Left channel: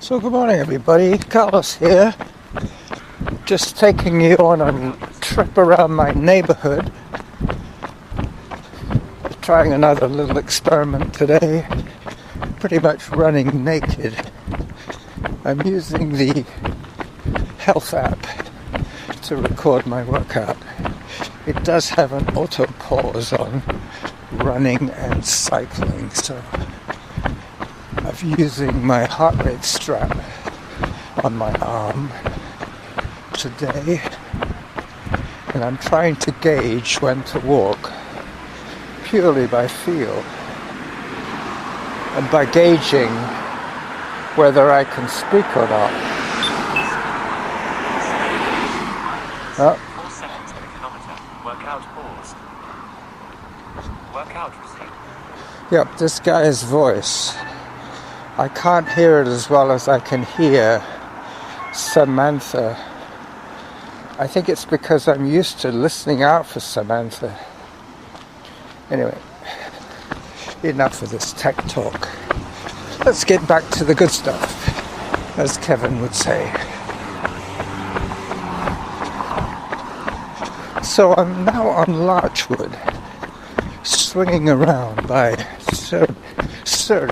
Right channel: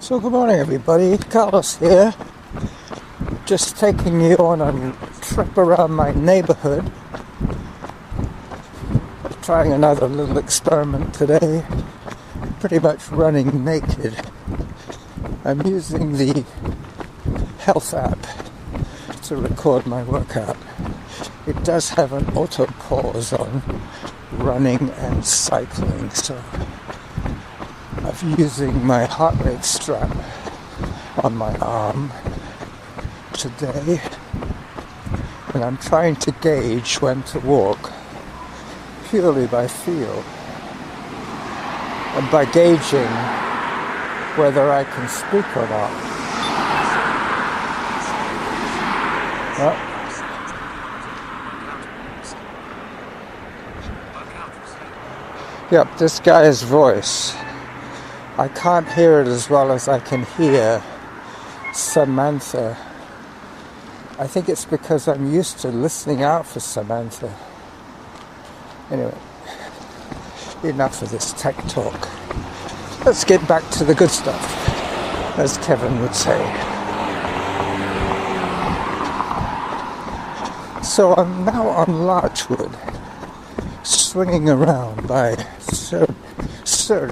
So good morning everybody, Carlos here, just taking you on a trip around my neighborhood, trying another little experiment today, pretty much running naked. I'm using the health app to record my workout. It does have an auto pause on running and cycling, so I'm using my heart rate strap on my arm today, and I'm trying to gauge when to walk purely by feel and by gauging whether I can speak or not. Yep, this guy's voice. I can't hear it as well as I can hear Samantha. I think it's because I'm used to listening out for Samantha. Anyway, enough of this tech talk. Let's get back to the good stuff, as Kevin would say. So I'm now on Larchwood, swinging around by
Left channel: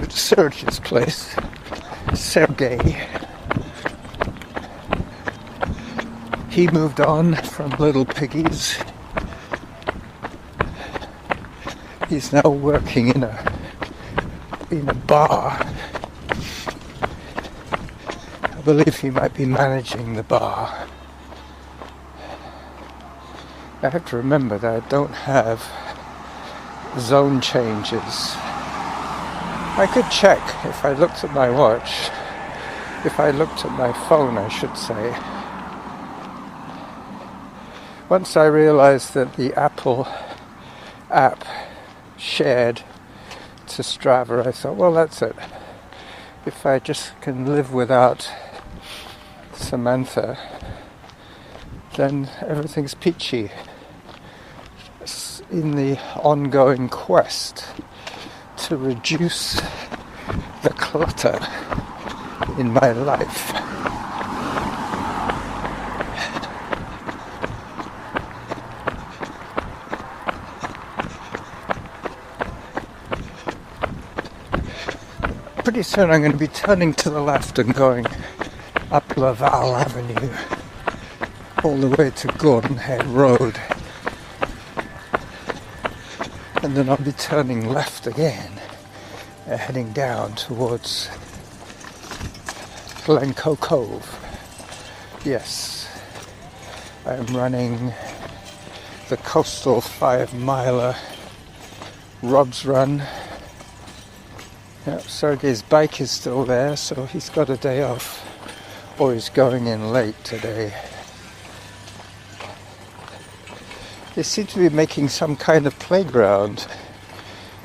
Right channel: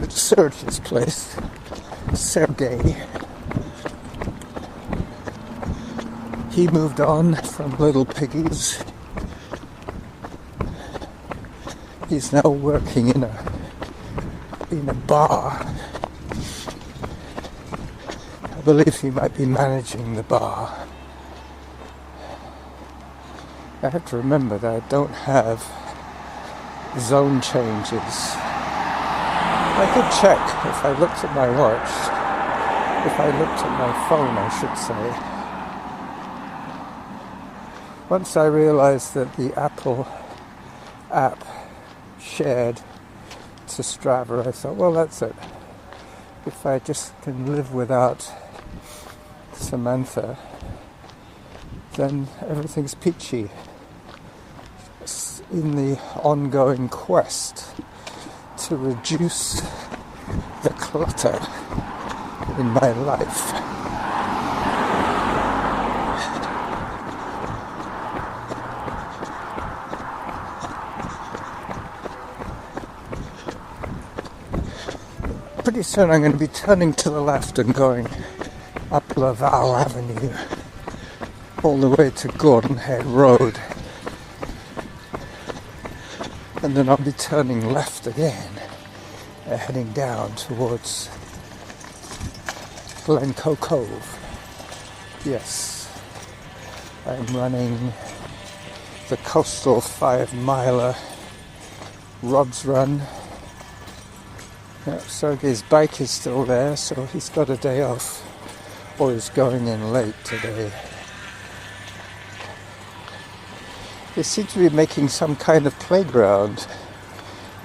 Serge's place, Sergey. He moved on from Little Piggies. He's now working in a bar. I believe he might be managing the bar. I have to remember that I don't have zone changes. I could check if I looked at my watch, if I looked at my phone I should say. Once I realized that the Apple app shared to Strava, I thought, well, that's it. If I just can live without Samantha, then everything's peachy in the ongoing quest to reduce the clutter in my life. Pretty soon I'm going to be turning to the left and going up Laval Avenue all the way to Gordon Head Road. And then I'll be turning left again, heading down towards Glencoe Cove. Yes, I'm running the coastal 5-miler Rob's Run. Sergey's bike is still there, so he's got a day off, or he's going in late today. They seem to be making some kind of playground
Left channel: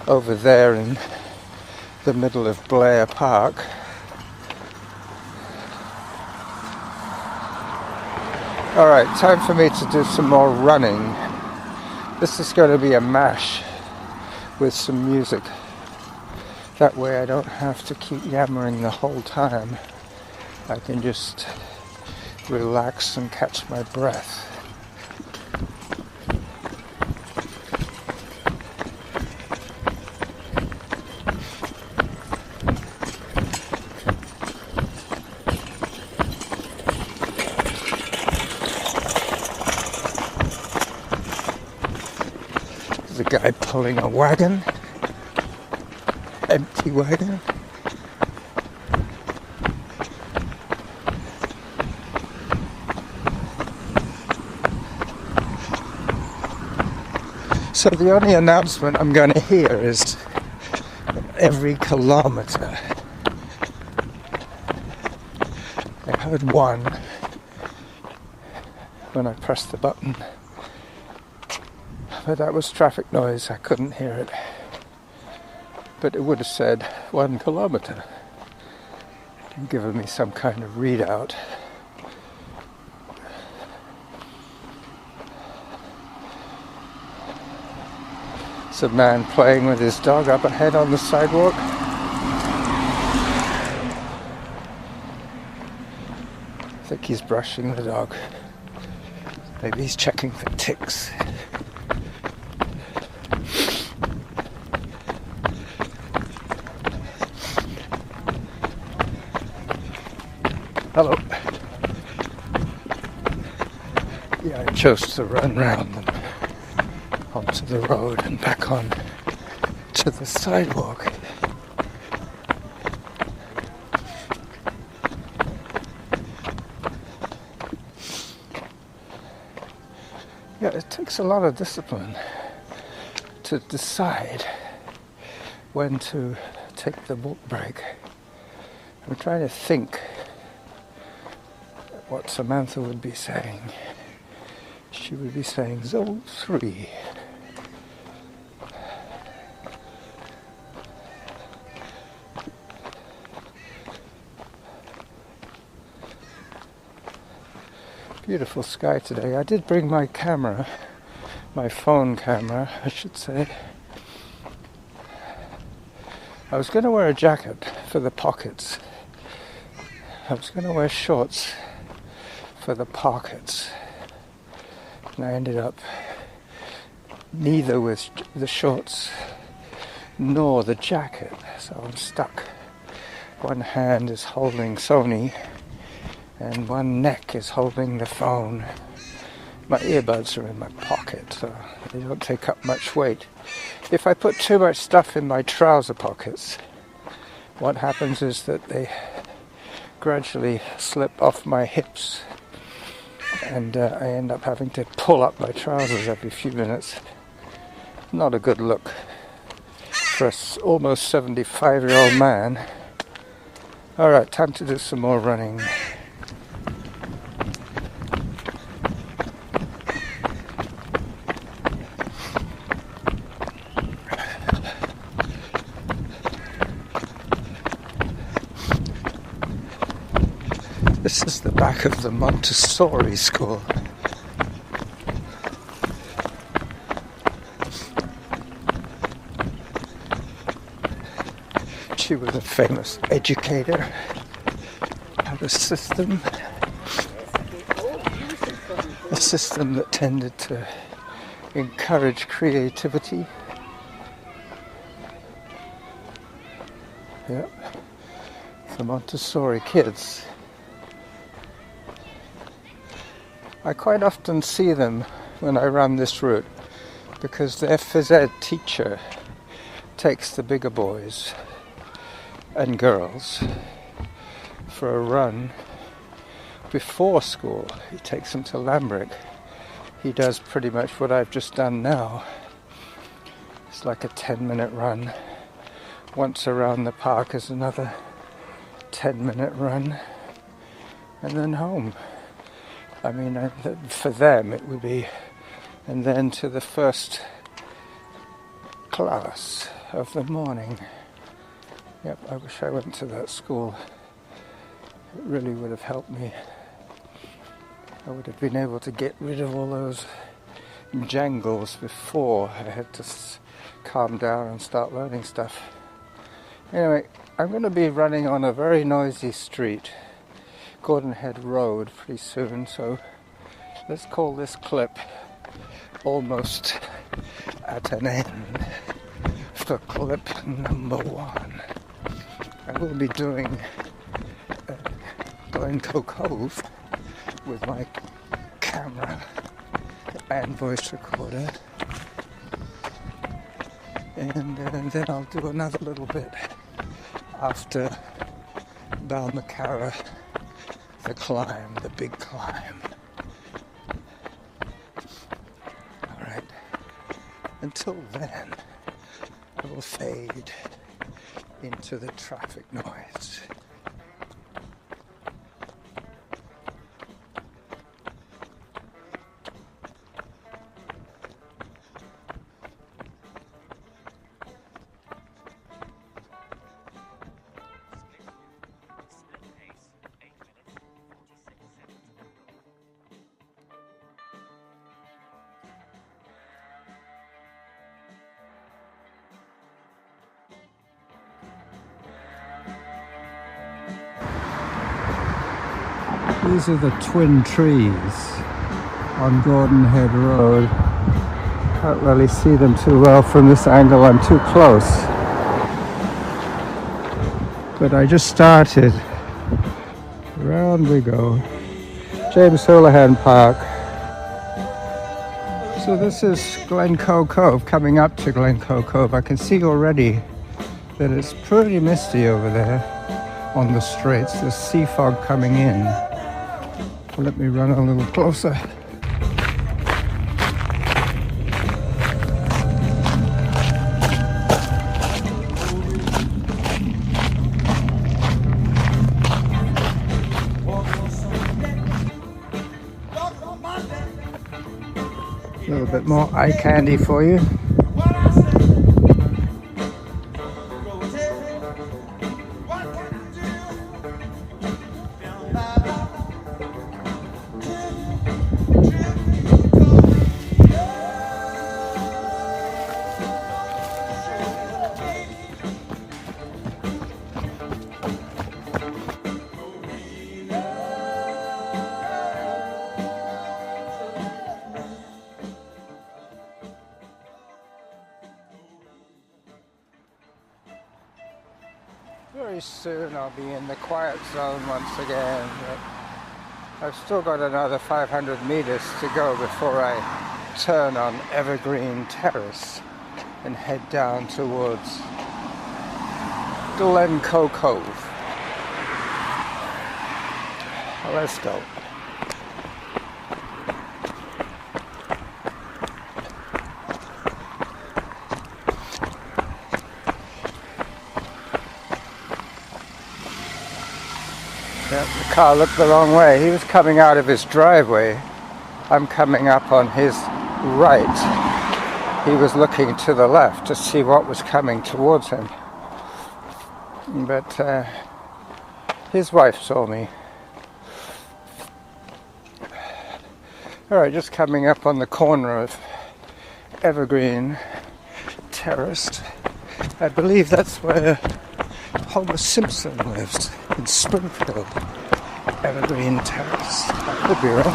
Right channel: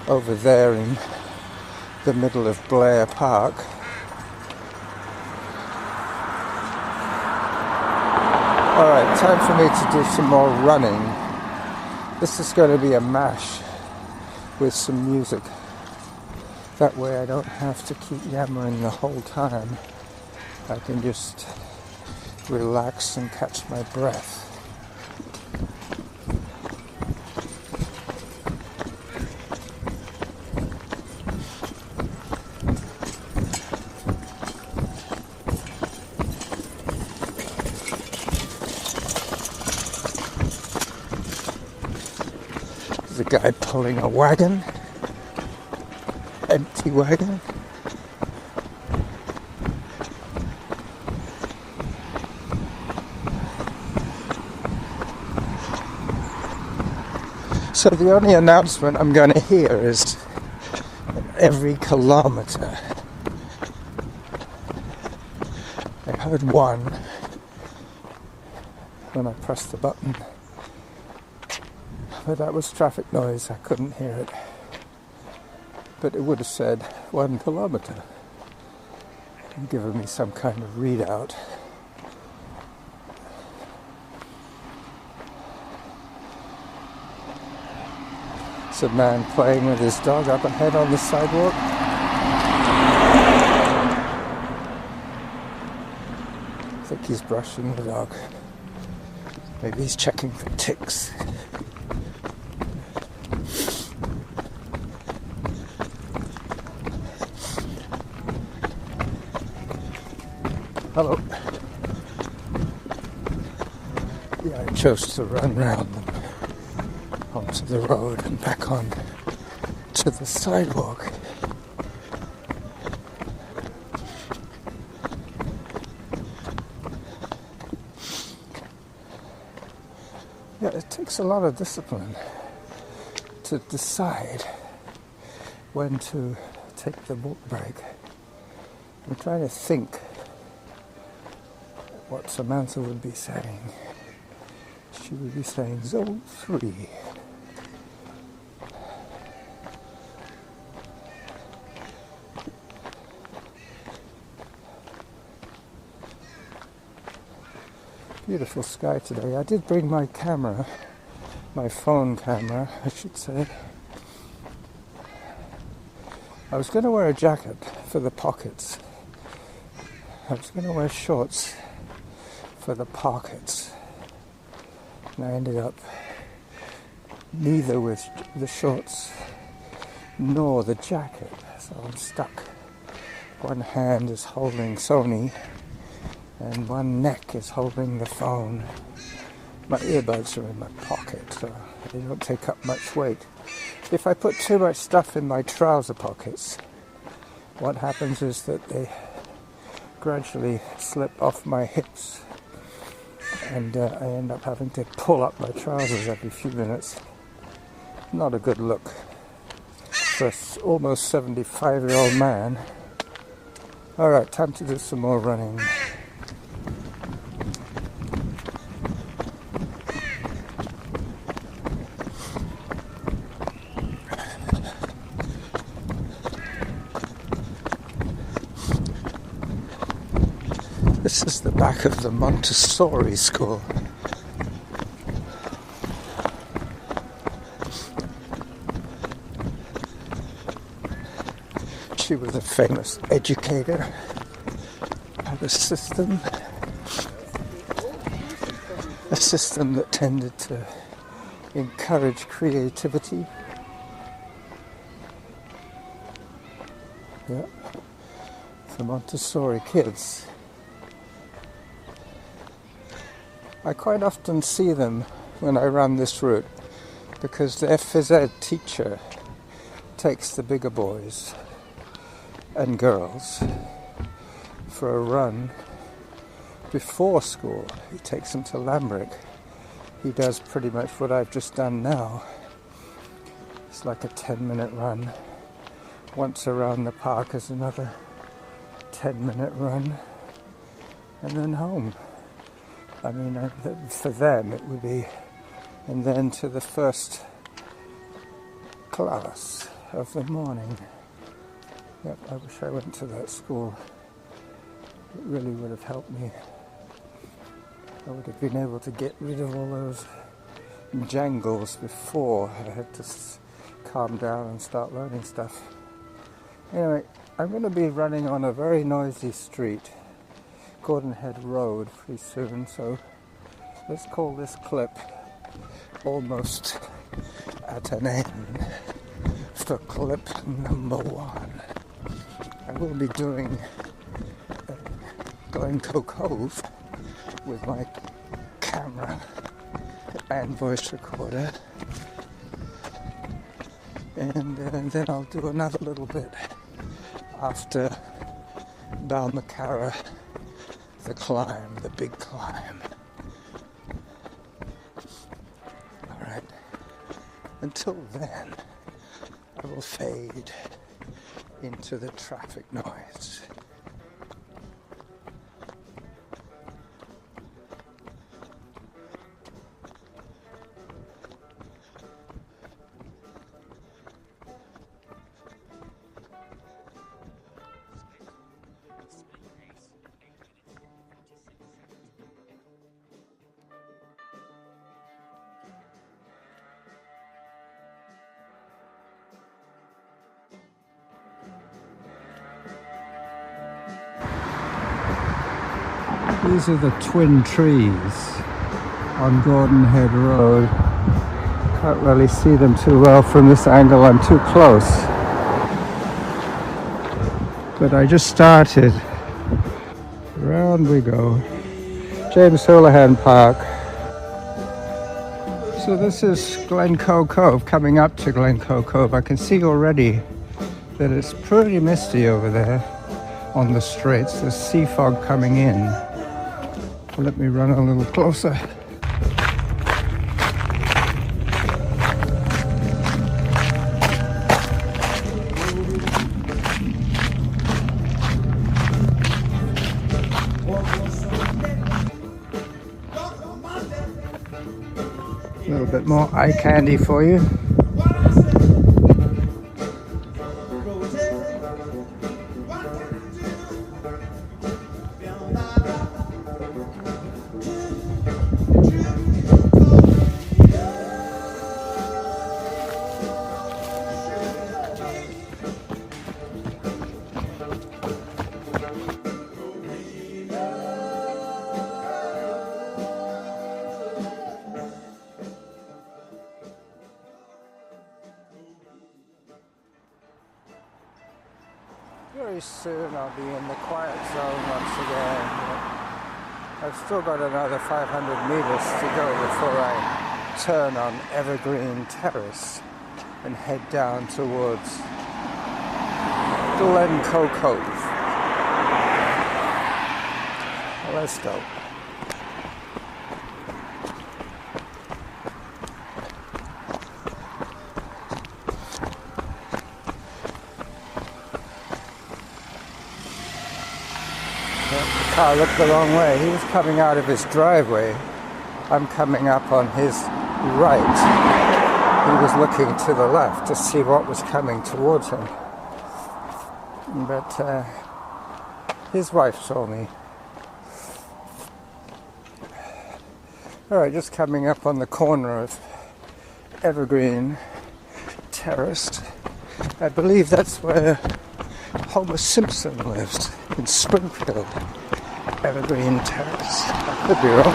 over there in the middle of Blair Park. Alright, time for me to do some more running. This is going to be a mash with some music. That way I don't have to keep yammering the whole time. I can just relax and catch my breath. There's a guy pulling a wagon. Empty wagon. So the only announcement I'm going to hear is every kilometer. I heard one when I pressed the button, but that was traffic noise, I couldn't hear it. But it would have said 1 kilometer and given me some kind of readout. It's a man playing with his dog up ahead on the sidewalk. I think he's brushing the dog. Maybe he's checking for ticks. Hello. Yeah, I chose to run round them onto the road and back on to the sidewalk. Yeah, it takes a lot of discipline to decide when to take the walk break. I'm trying to think what Samantha would be saying. She would be saying zone 3. Beautiful sky today. I did bring my camera, my phone camera, I should say. I was going to wear a jacket for the pockets. I was going to wear shorts for the pockets. And I ended up neither with the shorts nor the jacket. So I'm stuck. One hand is holding Sony and one neck is holding the phone. My earbuds are in my pocket, so they don't take up much weight. If I put too much stuff in my trouser pockets, what happens is that they gradually slip off my hips, and I end up having to pull up my trousers every few minutes. Not a good look for an almost 75-year-old man. Alright, time to do some more running. This is the back of the Montessori school. She was a famous educator, had a system that tended to encourage creativity. Yep, the Montessori kids. I quite often see them when I run this route because their phys ed teacher takes the bigger boys and girls for a run before school. He takes them to Lambrick. He does pretty much what I've just done now. It's like a 10-minute run. Once around the park is another 10-minute run, and then home. I mean, for them it would be, and then to the first class of the morning. Yep, I wish I went to that school. It really would have helped me. I would have been able to get rid of all those jangles before I had to calm down and start learning stuff. Anyway, I'm going to be running on a very noisy street, Gordon Head Road, pretty soon, so let's call this clip almost at an end for clip number 1. I will be doing Glencoe Cove with my camera and voice recorder, and then I'll do another little bit after Balmacara, the climb, the big climb. Alright, until then, I will fade into the traffic noise. These are the twin trees on Gordon Head Road. Can't really see them too well from this angle, I'm too close. But I just started. Round we go. James Houlihan Park. So this is Glencoe Cove, coming up to Glencoe Cove. I can see already that it's pretty misty over there on the straits. There's sea fog coming in. Let me run a little closer. A little bit more eye candy for you. Very soon I'll be in the quiet zone once again, but I've still got another 500 meters to go before I turn on Evergreen Terrace and head down towards Glencoe Cove. Well, let's go. Yep, the car looked the wrong way. He was coming out of his driveway. I'm coming up on his right. He was looking to the left to see what was coming towards him. But his wife saw me. Alright, just coming up on the corner of Evergreen Terrace. I believe that's where Homer Simpson lives, in Springfield. Evergreen Terrace. I could be wrong.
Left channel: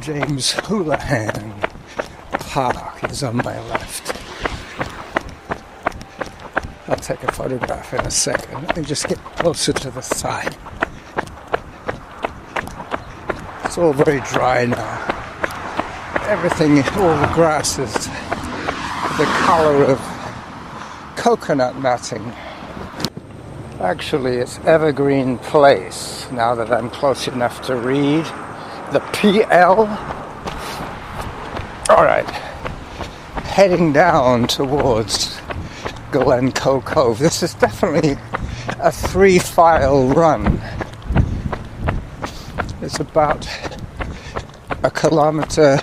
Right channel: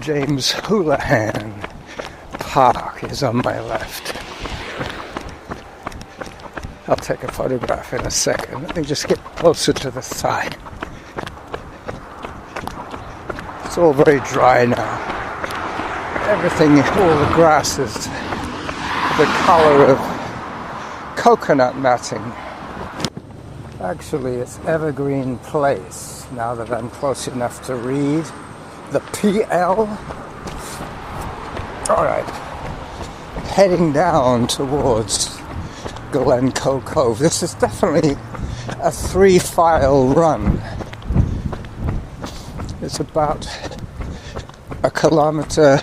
James Houlihan Park is on my left. I'll take a photograph in a second. Let me just get closer to the side. It's all very dry now. Everything, all the grass is the color of coconut matting. Actually, it's Evergreen Place, now that I'm close enough to read the PL. Alright, heading down towards Glencoe Cove. This is definitely a 3-file run. It's about a kilometer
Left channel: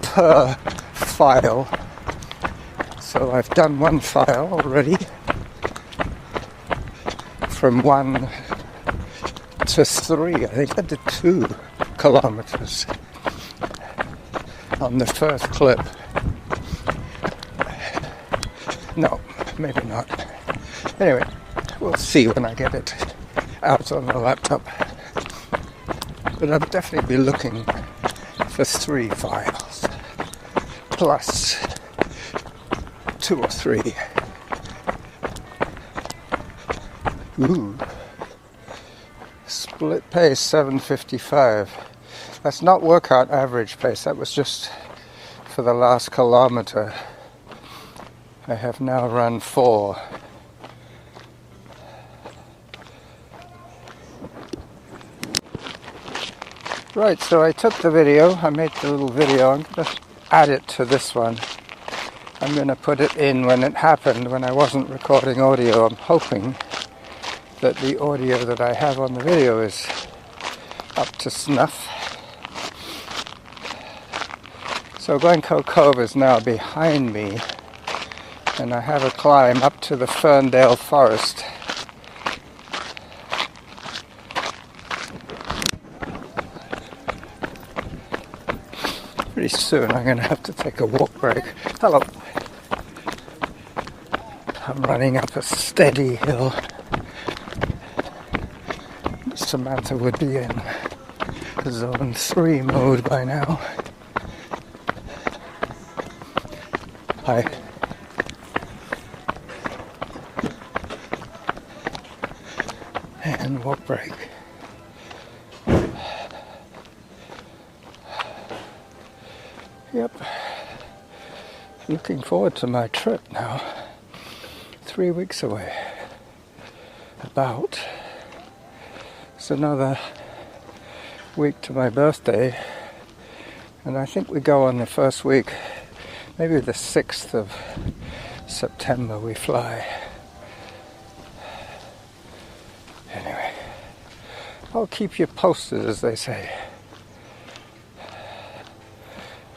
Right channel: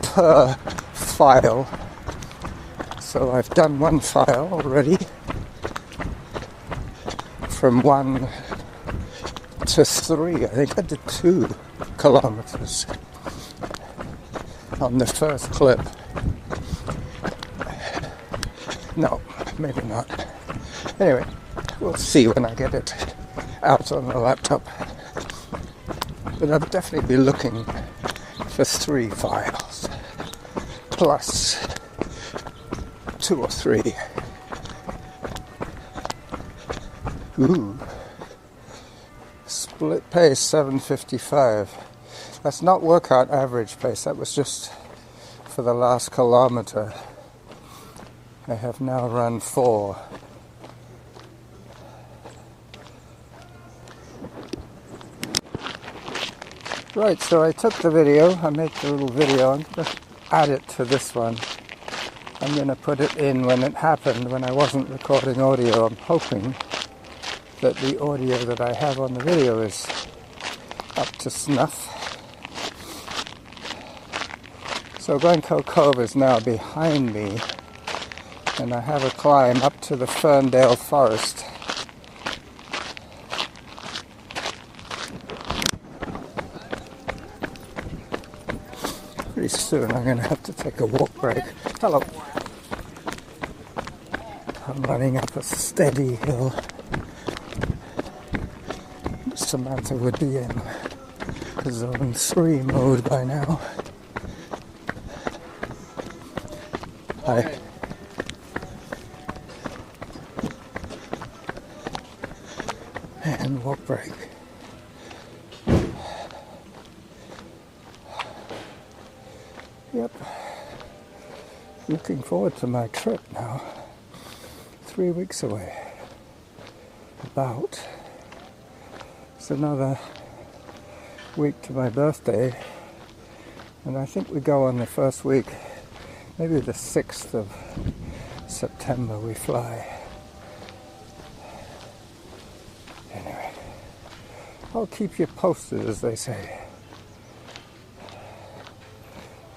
per file. So I've done one file already, from 1 to 3. I think I did 2 kilometers on the first clip. No, maybe not. Anyway, we'll see when I get it out on the laptop. But I'll definitely be looking for 3 files, plus 2 or 3. Ooh. Split pace 7:55. That's not workout average pace, that was just for the last kilometer. I have now run 4. Right, so I took the video, I made the little video, I'm going to add it to this one. I'm going to put it in when it happened, when I wasn't recording audio. I'm hoping that the audio that I have on the video is up to snuff. So Glencoe Cove is now behind me, and I have a climb up to the Ferndale Forest. Pretty soon I'm going to have to take a walk break. Hello. I'm running up a steady hill. Samantha would be in zone 3 mode by now. Hi. And walk break. Yep. Looking forward to my trip now. 3 weeks away. About. It's another week to my birthday. And I think we go on the first week, maybe the 6th of September we fly. Anyway, I'll keep you posted, as they say.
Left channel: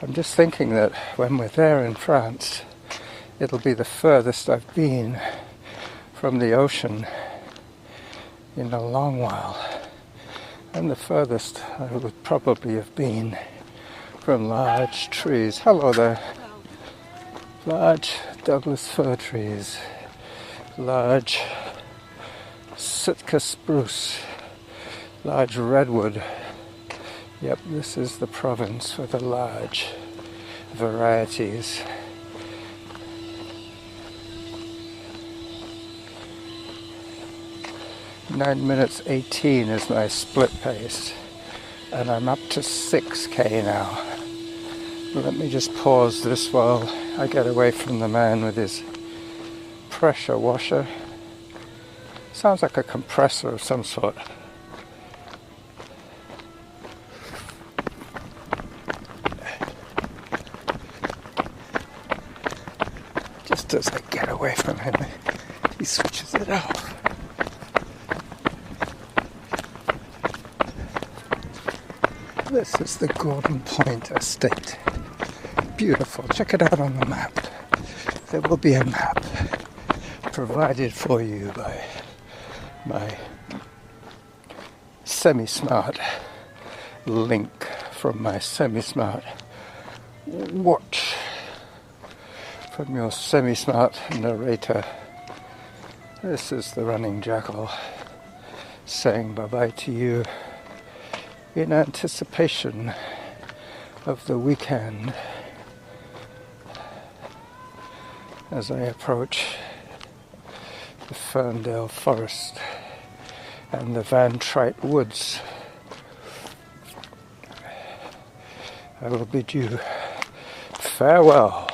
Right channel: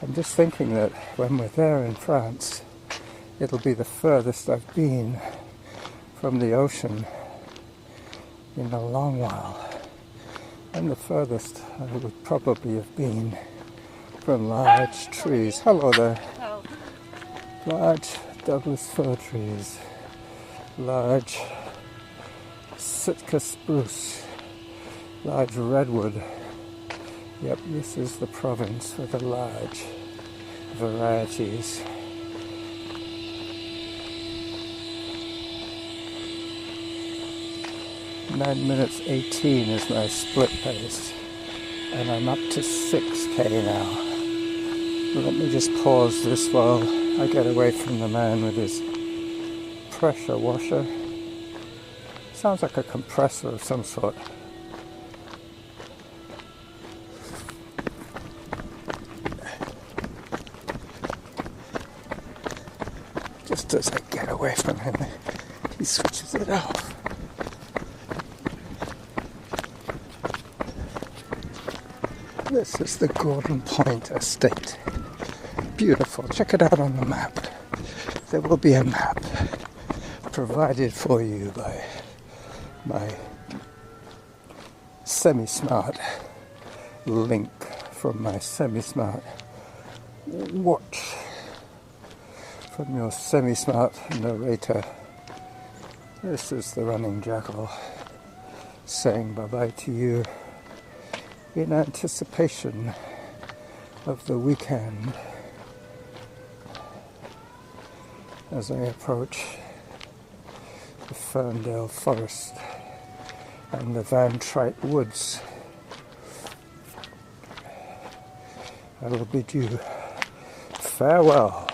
I'm just thinking that when we're there in France, it'll be the furthest I've been from the ocean in a long while. And the furthest I would probably have been from large trees. Hello there. Oh. Large Douglas fir trees. Large Sitka spruce. Large redwood. Yep, this is the province for the large varieties. Nine minutes 18 is my split pace, and I'm up to 6k now. Let me just pause this while I get away from the man with his pressure washer. Sounds like a compressor of some sort. Just as I get away from him, he switches it off. This is the Gordon Point Estate. Beautiful. Check it out on the map. There will be a map provided for you by my semi-smart link from my semi-smart watch. From your semi-smart narrator. This is the Running Jackal saying bye-bye to you in anticipation of the weekend as I approach the Ferndale Forest and the Van Trite Woods. I will bid you farewell.